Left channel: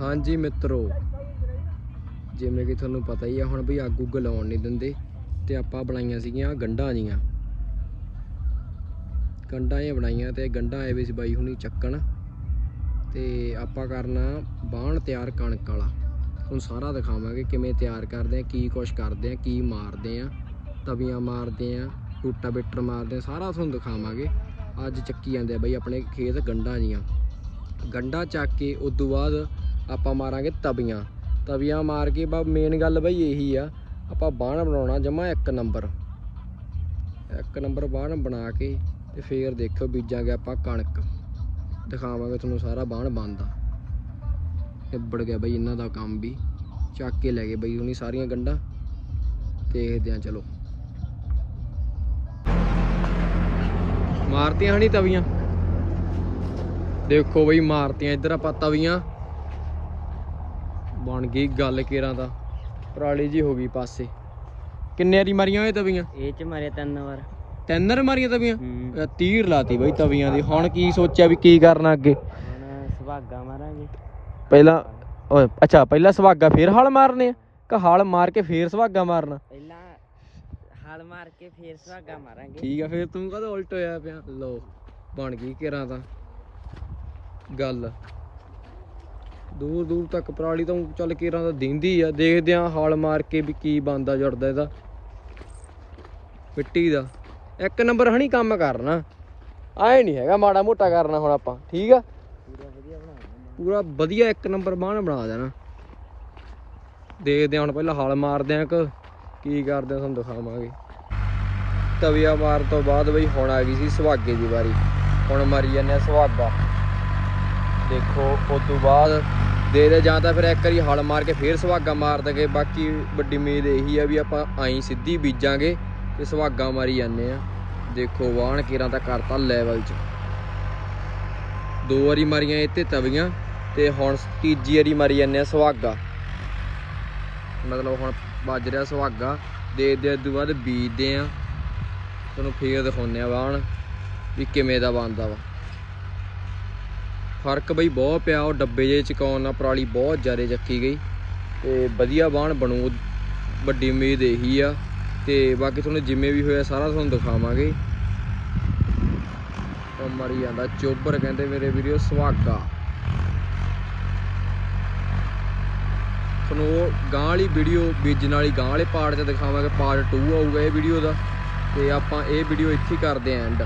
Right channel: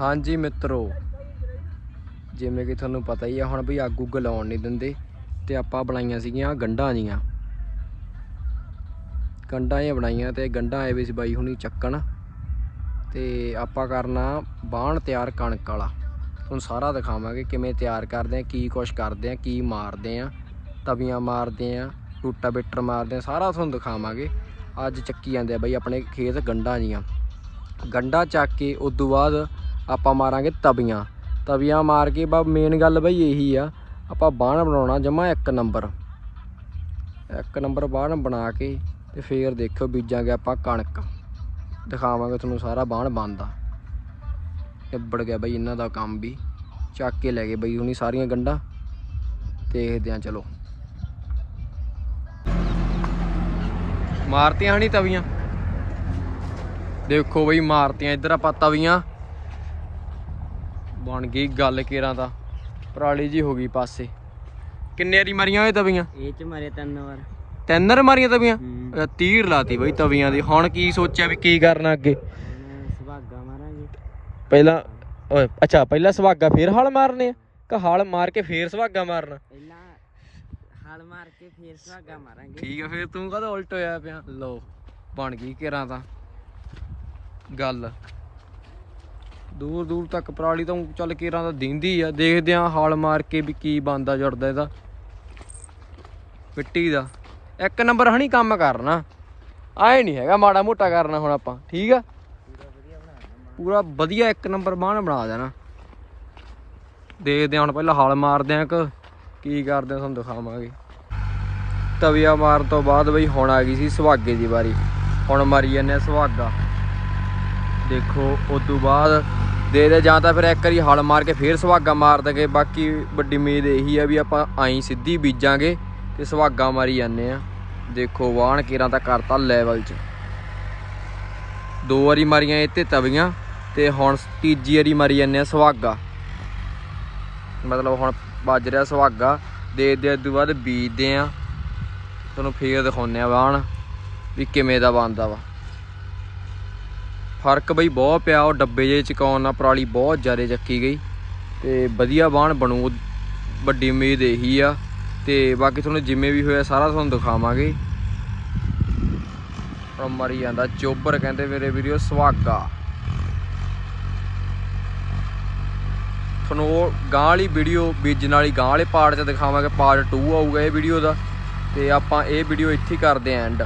ਹਾਂਜੀ ਮਿੱਤਰੋ, ਜਿਵੇਂ ਕਿ ਤੁਹਾਨੂੰ ਪਤਾ ਹੀ ਆ, ਹੁਣ ਵੀ ਅੱਗ ਉੱਗ ਲਾਉਣ ਨਹੀਂ ਦਿੰਦੇ ਤੇ ਆਪਾਂ ਬਣਾਈਆਂ ਸੀਗੀਆਂ ਗੰਢਾਂ ਜੀਆਂ। ਗੰਢਾਂ ਇਹ ਬਣਾਈਆਂ ਤੇ ਗੰਢਾਂ ਆਏ ਵੀ ਸੀ ਬਾਈ ਹੁਣੀ ਚੱਕਣ ਤੇ ਆਪਾਂ ਕਰਨਾ ਬਾਣ ਤਿਆਰ ਕਣਕ ਵਾਲਾ। ਤੁਹਾਨੂੰ ਸਾਰਾ ਦਿਖਾਵਾਂਗੇ ਕਿਵੇਂ ਤਿਆਰ ਕਰਦੇ ਆ, ਕੀ ਕੁਛ ਕਰਦੇ ਆ, ਕੀ ਮਾਰਦੇ ਆ, ਤਵੀਆਂ ਮਾਰਦੇ ਆ ਟੂਟਾ ਬਿੱਟਰ ਮਾਰਦੇ ਆ, ਸਾਰਾ ਤੁਹਾਨੂੰ ਦਿਖਾਵਾਂਗੇ। ਅੱਜ ਚੱਕੀ ਜਾਂਦੇ ਆ ਬਾਈ ਆਪਣੇ ਖੇਤ ਗੰਢਾਂ ਜੀਆਂ। ਗੰਢਾਂ ਚੱਕ ਕੇ ਉਸ ਤੋਂ ਬਾਅਦ ਆਪਾਂ ਮਾਰਾਂਗੇ ਤਵੀਆਂ। ਤਵੀਆਂ ਮਾਰ ਕੇ ਬਾ ਮੇਨ ਗੱਲ ਬਈ ਇਹੀ ਆ, ਆਪਾਂ ਬਾਣ ਬਣਾਉਣਾ ਜਮਾ ਇੱਕ ਨੰਬਰ। ਇੱਕ ਨੰਬਰ ਬਾਣ ਬਣਾ ਕੇ ਤੇ ਫੇਰ ਦੇਖਿਓ ਬੀਜਾਂਗੇ ਆਪਾਂ ਕਣਕ। ਦਿਖਾਵਾਂਗੇ ਤੁਹਾਨੂੰ ਸਾਰਾ ਬਾਣ ਬਣਦਾ। ਨਿਬੜ ਗਿਆ ਬਈ ਇਹਨਾਂ ਦਾ ਕੰਮ ਵੀ। ਚੱਕ ਕੇ ਲੈ ਗਏ ਬਈ ਹੁਣੀ ਸਾਰੀਆਂ ਗੰਢਾਂ। ਦੇਖਦੇ ਆ ਚਲੋ। ਮਾਰਤੀਆਂ ਹਣੀ ਤਵੀਆਂ? ਦੇਖੋ ਬਈ ਮਾਰਤੀਆਂ, ਇੱਧਰ ਆਪਾਂ ਤਵੀਆਂ। ਬਣ ਗਈ ਗੱਲ ਕੇਰਾਂ ਦਾ। ਪਰਾਲੀ ਜੀ ਹੋ ਗਈ ਪਾਸੇ। ਕਿੰਨੇ ਵਾਰੀ ਮਾਰੀਆਂ ਹੋਏ ਤਵੀਆਂ? ਇਹ ਚ ਮਾਰੇ ਤਿੰਨ ਵਾਰ। ਤਿੰਨ ਮਾਰੀਆਂ ਤਵੀਆਂ? ਤੀਰ ਲਾਤੀ ਬਈ ਤਵੀਆਂ ਦੀ। ਹੁਣ ਕੀ ਸੋਚਿਆ ਵੀ ਕੀ ਕਰਨਾ ਅੱਗੇ? ਹੁਣ ਸੁਭਾਗਾ ਮਾਰਾਂਗੇ। ਪਹਿਲਾਂ ਓਏ ਅੱਛਾ ਪਹਿਲਾਂ ਸੁਹਾਗਾ ਫੇਰ ਹਲ ਮਾਰਨੇ ਆ? ਕਿ ਹਲ ਮਾਰ ਕੇ ਫੇਰ ਸੁਹਾਗਾ ਮਾਰਨਾ? ਪਹਿਲਾਂ ਹਲ ਮਾਰ ਕੇ ਫੇਰ ਸੁਭਾਗਾ ਮਾਰਾਂਗੇ। ਠੀਕ ਆ ਫੇਰ ਤੂੰ ਕਦੋਂ ਉਲਟ ਹੋਇਆ ਪਿਆ? ਲੋ ਬਣ ਗਈ ਕੇਰਾਂ ਤਾਂ ਗੱਲ। ਦੂਰ ਦੂਰ ਤੱਕ ਪਰਾਲੀ ਤਾਂ ਚੱਲ ਕੇਰਾਂ ਤਾਂ ਦਿੰਦੀ ਆ, ਦੇਖਦੇ ਆ ਹਾਲ ਮਾਰ ਕੇ ਵੀ ਕੀ ਬੰਦਾ ਜੁੜਦਾ ਇਹਦਾ। ਮਿੱਟੀ ਦਾ। ਇੱਕ ਨੰਬਰ ਹਣੀ ਕੰਮ ਕਰਨਾ। ਆਏ ਨਹੀਂ ਹੈਗਾ ਮਾੜਾ ਮੋਟਾ ਕਰਨਾ ਹੁਣ ਆਪਾਂ, ਠੀਕ ਆ? ਪੂਰਾ ਵਧੀਆ ਇੱਕ ਨੰਬਰ ਬਾਣ ਬਣਾ ਦੇਣਾ। ਦੇਖਦੇ ਹਾਂ ਹੁਣ ਪਹਿਲਾਂ ਹਲ ਮਾਰਦੇ ਆ ਕਿ ਕੀ ਕਰਦੇ ਆ ਤੁਹਾਨੂੰ ਦਿਖਾਵਾਂਗੇ। ਤਵੀਆ ਮਾਰਨ ਤੋਂ ਬਾਅਦ ਬਈ ਹੁਣ ਆ ਗਈ ਸੀ ਸੁਹਾਗੇ ਦੀ ਵਾਰੀ। ਹੁਣ ਮਾਰੀ ਜਾਂਦੇ ਆ ਸੁਹਾਗਾ। ਦੇਖੋ, ਉਸ ਤੋਂ ਬਾਅਦ ਦੇ ਦੇ, ਜਾਂ ਤਾਂ ਫਿਰ ਇੱਕ ਵਾਰੀ ਹਲ ਮਾਰ ਕੇ ਫੇਰ ਸੁਹਾਗਾ ਮਾਰ ਦਗੇ। ਬਾਕੀ ਵੱਡੀ ਉਮੀਦ ਇਹੀ ਆ ਵੀ ਆਪਾਂ ਆਈ ਸਿੱਧੀ ਬੀਜਾਂਗੇ ਤੇ ਸੁਹਾਗਾ ਮਾਰੀ ਜਾਂਦੇ ਆ। ਦੇਖੋ, ਵਾਹਣ ਕੀਰਾਂ ਤਾਂ ਕਰਤਾ ਲੈਵਲ 'ਚ। ਦੋ ਵਾਰੀ ਮਾਰੀਆਂ ਇਹ ਤੇ ਤਵੀਆਂ ਤੇ ਹੁਣ ਤੀਜੀ ਵਾਰੀ ਮਾਰੀ ਜਾਂਦੇ ਆ ਸੁਹਾਗਾ। ਮਤਲਬ ਹੁਣ ਵੱਜ ਰਿਹਾ ਸੁਹਾਗਾ। ਦੇ ਦੇ ਤੋਂ ਬਾਅਦ ਬੀਜਦੇ ਆ। ਤੁਹਾਨੂੰ ਫੇਰ ਦਿਖਾਉਂਦੇ ਆ ਵਾਹਣ ਵੀ ਕਿਵੇਂ ਦਾ ਬਣਦਾ ਵਾ। ਫ਼ਰਕ ਬਈ ਬਹੁਤ ਪਿਆ, ਉਹ ਡੱਬੇ ਜੇ ਚਕਾਉਣ ਨਾਲ ਪਰਾਲੀ ਬਹੁਤ ਜ਼ਿਆਦਾ ਚੱਕੀ ਗਈ ਤੇ ਵਧੀਆ ਬਾਣ ਬਣੂ, ਵੱਡੀ ਉਮੀਦ ਇਹੀ ਆ ਤੇ ਬਾਕੀ ਤੁਹਾਨੂੰ ਜਿਵੇਂ ਵੀ ਹੋਇਆ ਸਾਰਾ ਤੁਹਾਨੂੰ ਦਿਖਾਵਾਂਗੇ। ਪਰ ਮਰੀ ਜਾਂਦਾ ਚੋਬਰ ਕਹਿੰਦੇ ਮੇਰੇ ਵੀਡੀਓ ਸੁਹਾਗਾ। ਤੁਹਾਨੂੰ ਉਹ ਗਾਂ ਵਾਲੀ ਵੀਡੀਓ, ਬੀਜਣ ਵਾਲੀ ਗਾਂ ਵਾਲੇ ਪਾਰਟ 'ਚ ਦਿਖਾਵਾਂਗੇ ਪਾਰਟ 2 ਆਊਗਾ ਇਹ ਵੀਡੀਓ ਦਾ ਤੇ ਆਪਾਂ ਇਹ ਵੀਡੀਓ ਇੱਥੇ ਹੀ ਕਰਦੇ ਆਂ ਐਂਡ